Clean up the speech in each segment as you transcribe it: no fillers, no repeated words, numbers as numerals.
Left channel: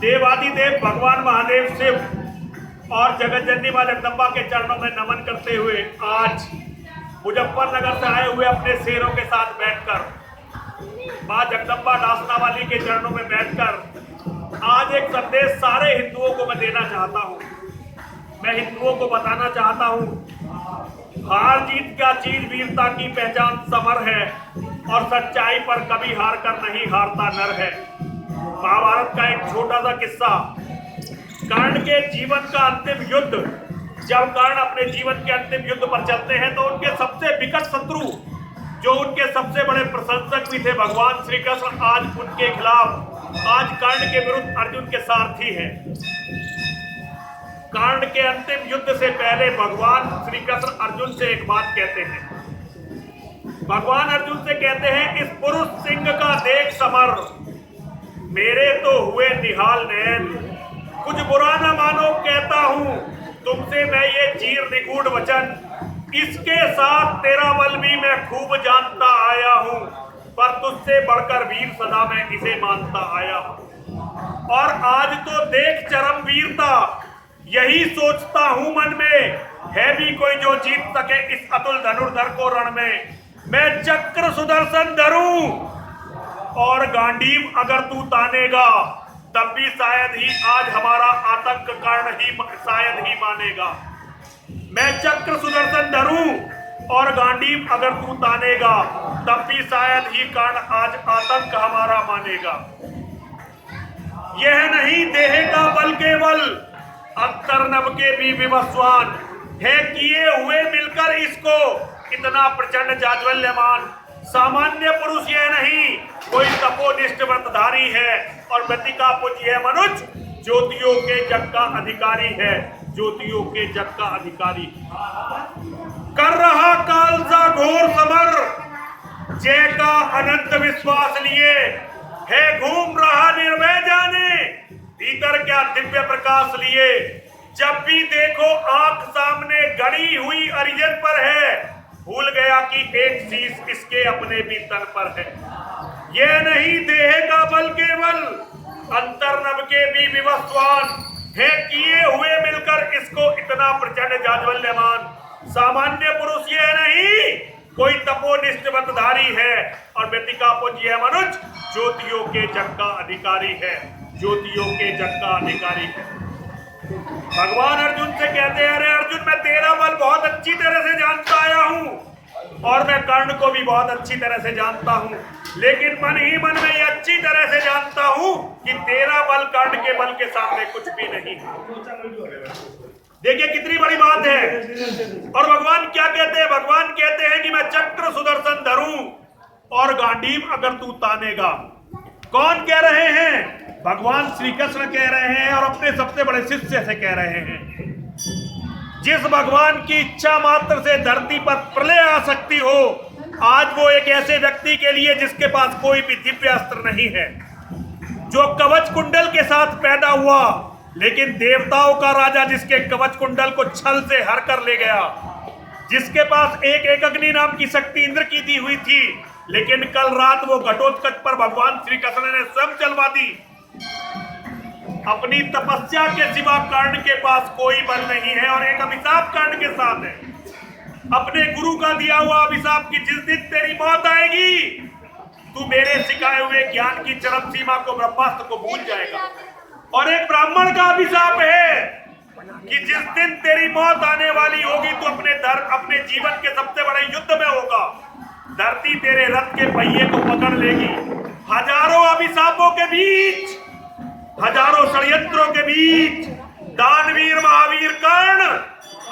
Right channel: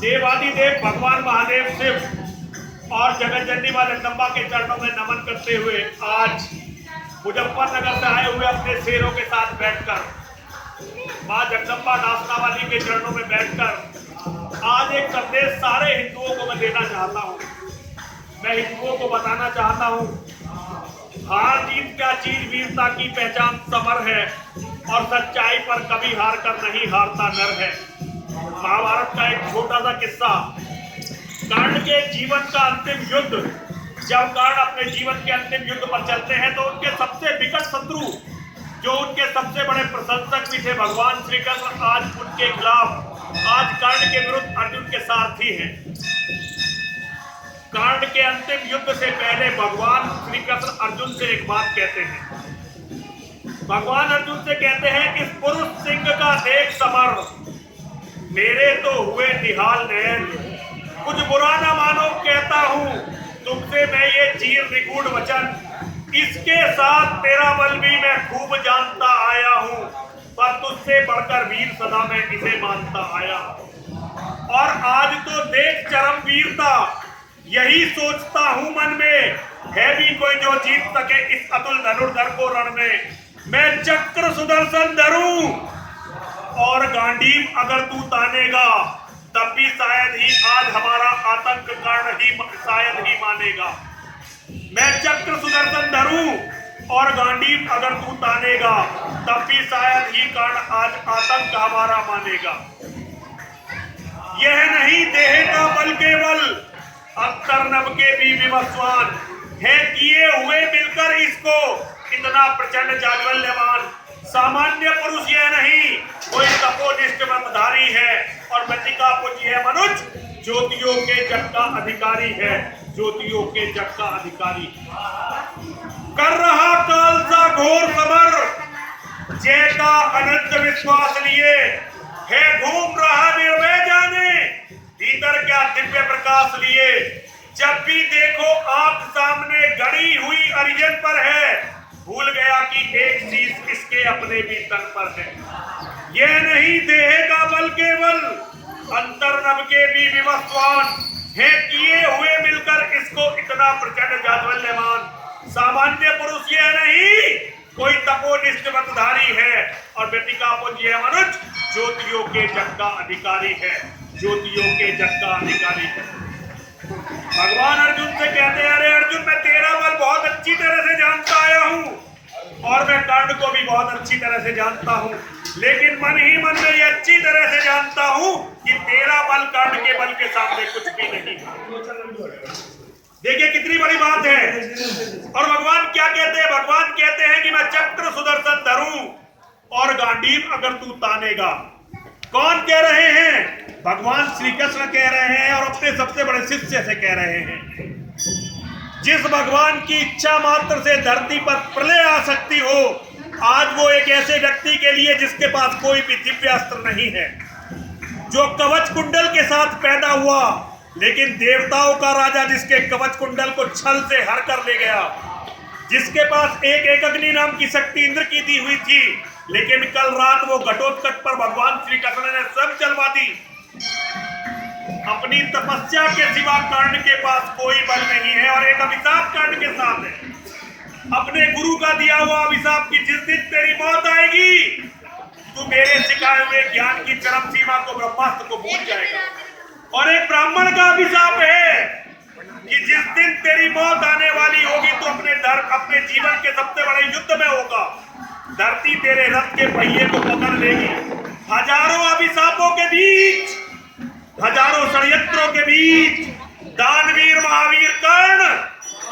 देवादिदेव भगवान महादेव शिव और जगत जननी मां जगदम्बा के चरणों में नमन करते हुए आज मुजफ्फरनगर से आए हुए अपने शेरों के साथ बैठकर मां जगदम्बा डासना वाली के चरणों में बैठकर आज एक संदेश सारे हिंदुओं को मैं देना चाहता हूं। मैं हिंदुओं को बताना चाहता हूं, हार जीत क्या चीज वीरता की पहचान समर है और सच्चाई पर कभी हार कर नहीं हारता नर है। महाभारत का एक छोटा सा किस्सा, कर्ण के जीवन का अंतिम युद्ध। जब कर्ण अपने जीवन के अंतिम युद्ध पर चलते हैं तो उनके सबसे विकट शत्रु, जो उनके सबसे बड़े प्रशंसक भी थे भगवान श्री कृष्ण, आज उनके खिलाफ, आज कर्ण के विरुद्ध अर्जुन के सारथी हैं। कर्ण के अंतिम युद्ध से पहले भगवान श्री कृष्ण अर्जुन से एक बात कहते हैं। भगवान अर्जुन से कहते हैं, इस पुरुष सिंह का देख समर, मेरे तो हुए निहाल नयन, कुछ बुरा न मानो कहता हूं तुमसे मैं ये चीर निगूढ़ वचन, इसके साथ तेरा बल भी मैं खूब जानता आया हूं, पर तुझसे बढ़कर वीर सदा मैं इसे मानता आया हूं। और आज तो देख चरम वीरता, यही सोचता हूं मन में, है भी कोई जो जीत सके इस अतुल धनुर्धर को रण में। मैं चक्र सुदर्शन धरूं और गांडीव अगर तू तानेगा, तब भी शायद ही आज हमारा आतंक कर्ण ही शायद ही मानेगा। मैं चक्र सुदर्शन धरूं और गांडीव अगर तू तानेगा, तब भी शायद ही कर्ण आज आतंक हमारा मानेगा। यह नहीं देह का बल केवल, अंतर नभ के भी विवस्वान है, किए हुए मिलकर इसको इतना प्रचंड जाज्वल्यमान। सामान्य पुरुष यह नहीं, कोई तपोनिष्ठ व्रतधारी है और व्यतिका पुंज यह मनुज, ज्योतियों के जग का अधिकारी है, ज्योतियों के जग का अधिकारी। कर रहा काल सा घोर समर, जय का अनंत विश्वास लिए, है घूम रहा निर्भय जाने, भीतर क्या दिव्य प्रकाश लिए। जब भी देखो आंख सामने गड़ी हुई अरिजन पर है, भूल गया कि एक चीज इसके अपने भी तन पर है। यह नहीं देह का बल केवल, अंतर नभ के भी विवस्वान है, किए हुए मिलकर इसको इतना प्रचंड जाज्वल्यमान। सामान्य पुरुष यह नहीं, कोई तपोनिष्ठ व्रतधारी है और व्यतिका पुंज यह मनुज, ज्योतियों के जग का अधिकारी है, ज्योतियों के जग का अधिकारी है। भगवान अर्जुन से कहते हैं, अरे अर्जुन मैं तेरा बल बहुत अच्छी तरह से जानता आया हूं और मैं कर्ण को भी बहुत अच्छी तरह से जानता हूं, लेकिन मन ही मन में ये अच्छी तरह से जानता हूं कि तेरा बल कर्ण के बल के सामने कुछ भी नहीं है। देखिए कितनी बड़ी बात है। और भगवान क्या कहते हैं? भगवान कहते हैं कि मैं चक्र सुदर्शन धरूं और गांडीव अगर तू तानेगा। कौन कह रहे हैं? भगवान श्री कृष्ण कह रहे हैं और अपने सबसे बड़े शिष्य से कह रहे हैं। जिस भगवान की इच्छा मात्र से धरती पर प्रलय आ सकती हो, आज वो एक ऐसे व्यक्ति के लिए जिसके पास कोई भी दिव्य अस्त्र नहीं है, जो कवच कुंडल के साथ पैदा हुआ, लेकिन देवताओं का राजा जिसके कवच कुंडल को छल से हर कर ले गया, जिसके पास एक अग्नि नाम की शक्ति इंद्र की दी हुई थी, लेकिन कल रात वो घटोत्कच पर भगवान श्री कृष्ण ने स्वयं चलवा दी। अपनी तपस्या के सिवा कर्ण के पास कोई बल नहीं है और एक अभिशाप कर्ण के साथ है, अपने गुरु का दिया हुआ अभिशाप की जिस दिन तेरी मौत आएगी, तू मेरे सिखाए हुए ज्ञान की चरम सीमा को, ब्रह्मास्त्र को भूल जाएगा। और एक ब्राह्मण का अभिशाप है कि जिस दिन तेरी मौत आने वाली होगी, तो अपने जीवन के सबसे बड़े युद्ध में होगा, धरती तेरे रथ के पहिए को पकड़ लेगी। हजारों अभिशापों के बीच, हजारों षड्यंत्रों के बीच दानवीर महावीर कर्ण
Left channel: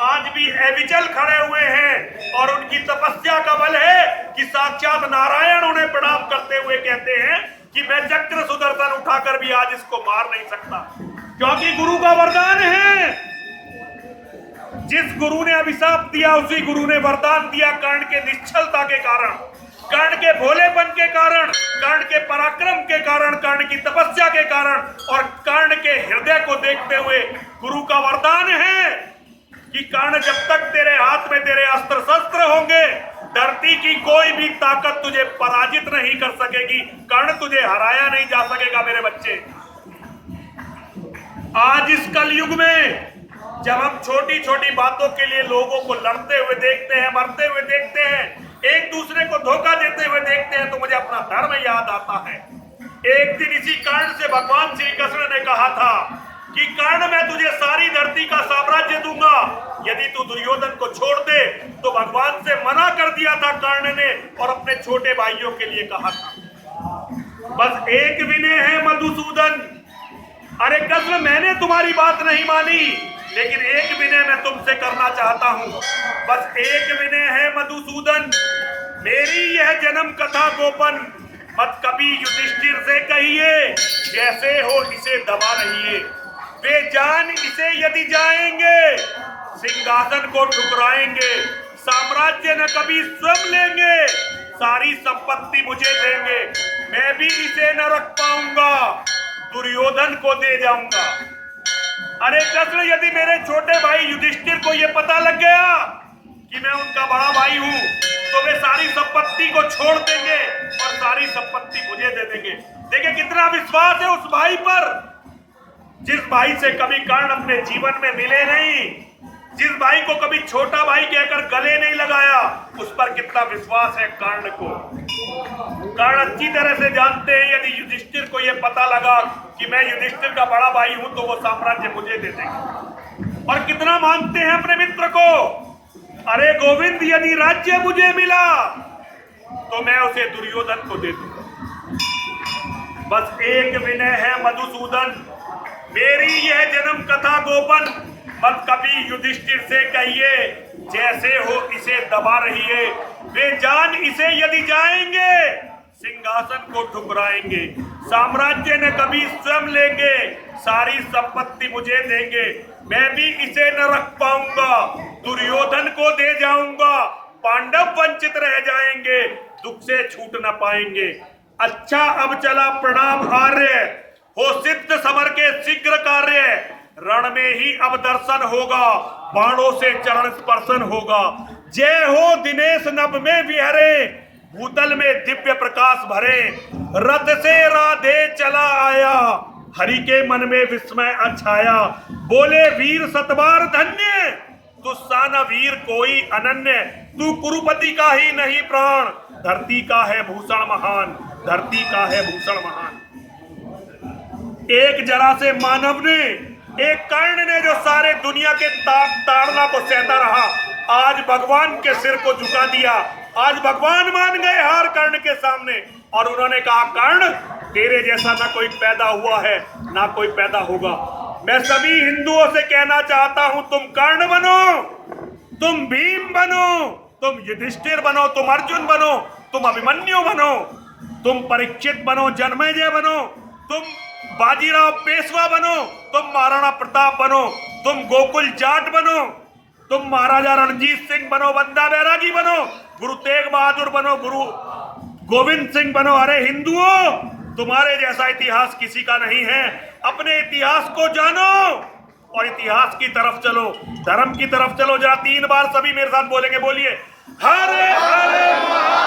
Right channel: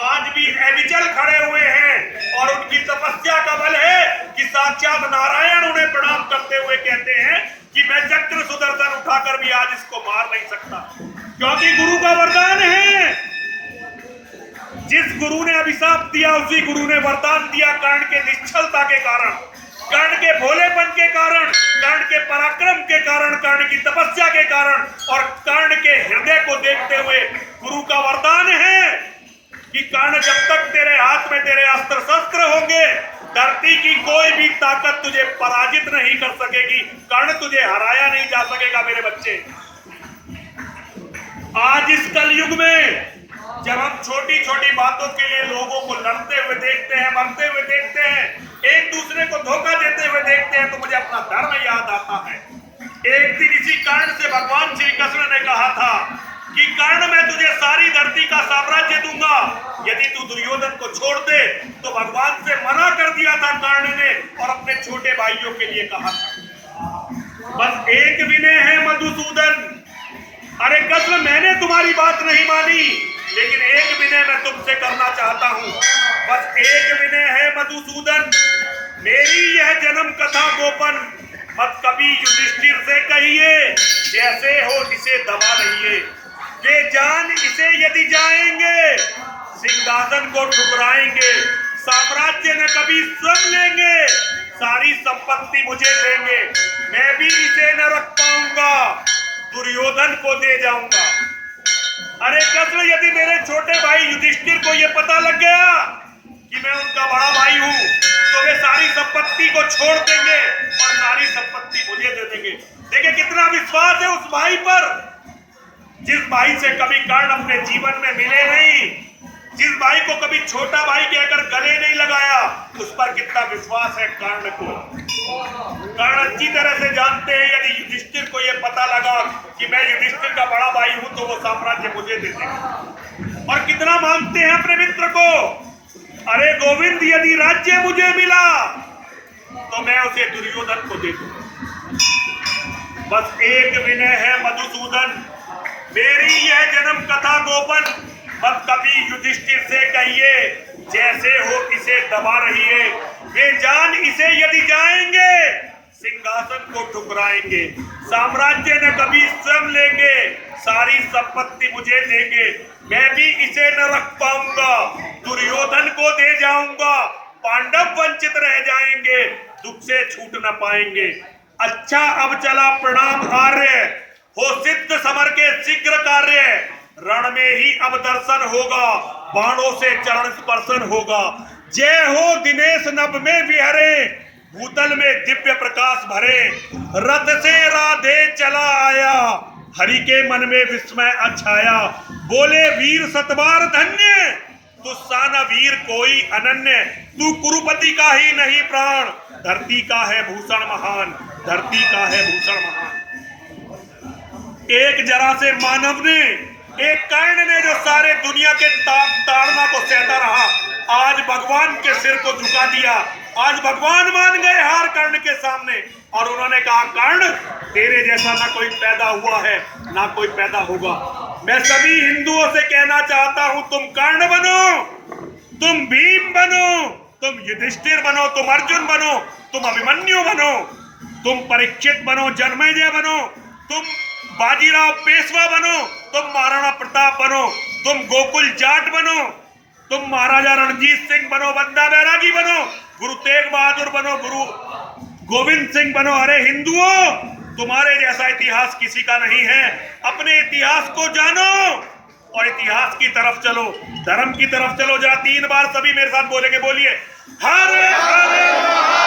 आज भी अविचल खड़े हुए हैं और उनकी तपस्या का बल है कि साक्षात नारायण उन्हें प्रणाम करते हुए कहते हैं कि मैं चक्र सुदर्शन उठाकर भी आज इसको मार नहीं सकता, क्योंकि गुरु का वरदान है। जिस गुरु ने अभिशाप दिया, उसी गुरु ने वरदान दिया। कर्ण के निश्चलता के कारण, कर्ण के भोलेपन के कारण, कर्ण के पराक्रम के कारण, कर्ण की तपस्या के कारण और कर्ण के हृदय को देखते हुए गुरु का वरदान है कि कर्ण जब तक तेरे हाथ में तेरे अस्त्र शस्त्र होंगे, धरती की कोई भी ताकत तुझे पराजित नहीं कर सकेगी, कर्ण तुझे हराया नहीं जा सकेगा। मेरे बच्चे, आज इस कलयुग में जब हम छोटी छोटी बातों के लिए लोगों को लड़ते हुए देखते हैं, मरते हुए देखते हैं, एक दूसरे को धोखा देते हुए देखते हैं, तो मुझे अपना धर्म याद आता है। एक दिन इसी कर्ण से भगवान श्री कृष्ण ने कहा था कि कर्ण, मैं तुझे सारी धरती का साम्राज्य दूंगा यदि तू दुर्योधन को छोड़ दे। तो भगवान से मना कर दिया था कर्ण ने और अपने छोटे भाइयों के लिए कहा था, बस एक विनय है मधुसूदन। अरे कृष्ण, मैंने तुम्हारी बात नहीं मानी, लेकिन एक विनय मैं तुमसे करना चाहता हूं। बस एक विनय है मधुसूदन, मेरी यह जन्म कथा गोपन मत कभी युधिष्ठिर से कहिए, जैसे हो इसे दबा रहिए। वे जान इसे यदि जाएंगे, सिंहासन को ठुकराएंगे, साम्राज्य न कभी स्वयं लेंगे, सारी संपत्ति मुझे देंगे, मैं भी इसे न रख पाऊंगा, दुर्योधन को दे जाऊंगा। अरे कृष्ण, यदि मेरे छोटे भाई युधिष्ठिर को यह पता लग गया कि मैं उनका बड़ा भाई हूं, तो वे सारी संपत्ति को छोड़ देंगे और सारी संपत्ति मुझे दे देंगे। देखिए कितना विश्वास है उस भाई पर, जिस भाई से कभी कर्ण अपने जीवन में मिले नहीं, जिस भाई को कभी छोटा भाई कहकर गले नहीं लगाया, उस पर कितना विश्वास है कर्ण को। कर्ण अच्छी तरह से जानते हैं यदि युधिष्ठिर को यह पता लगा कि मैं युधिष्ठिर का बड़ा भाई हूं, तो वो साम्राज्य मुझे दे देंगे। और कितना मानते हैं अपने मित्र को, अरे गोविंद, यदि राज्य मुझे मिला तो मैं उसे दुर्योधन को दे दूंगा। बस एक विनय है मधुसूदन, मेरी यह जन्म कथा गोपन मत कभी युधिष्ठिर से कहिए, जैसे हो इसे दबा रहिए। वे जान इसे यदि जाएंगे, सिंहासन को ठुकराएंगे, साम्राज्य न कभी स्वयं लेंगे, सारी संपत्ति मुझे देंगे, मैं भी इसे न रख पाऊंगा, दुर्योधन को दे जाऊंगा, पांडव वंचित रह जाएंगे, दुख से छूट न पाएंगे। अच्छा अब चला प्रणाम आर्य, हो सिद्ध समर के शीघ्र कार्य, रण में ही अब दर्शन होगा, बाणों से चरण स्पर्शन होगा। जय हो दिनेश नभ में विहरे, भूतल में दिव्य प्रकाश भरे, रथ से राधे चला आया, हरि के मन में विस्मय अछाया। बोले वीर सतबार धन्य, तुझसा न वीर कोई अनन्य, तू कुरुपति का ही नहीं प्राण, धरती का है भूषण महान, धरती का है भूषण महान। एक जरा से मानव ने, एक कर्ण ने जो सारे दुनिया के ताड़ना को सहता रहा, आज भगवान के सिर को झुका दिया। आज भगवान मान गए हार कर्ण के सामने और उन्होंने कहा, कर्ण, तेरे जैसा ना कोई पैदा हुआ है ना कोई पैदा होगा। मैं सभी हिंदुओं से कहना चाहता हूं, तुम कर्ण बनो, तुम भीम बनो, तुम युधिष्ठिर बनो, तुम अर्जुन बनो, तुम अभिमन्यु बनो, तुम परीक्षित बनो, जन्मेजय बनो, तुम बाजीराव पेशवा बनो, तुम महाराणा प्रताप बनो, तुम गोकुल जाट बनो, तुम महाराजा रणजीत सिंह बनो, बंदा बैरागी बनो, गुरु तेग बहादुर बनो, गुरु गोविंद सिंह बनो। अरे हिंदुओं, तुम्हारे जैसा इतिहास किसी का नहीं है। अपने इतिहास को जानो और इतिहास की तरफ चलो, धर्म की तरफ चलो। जरा 3 बार सभी मेरे साथ बोलेंगे, बोलिए हरे हरे।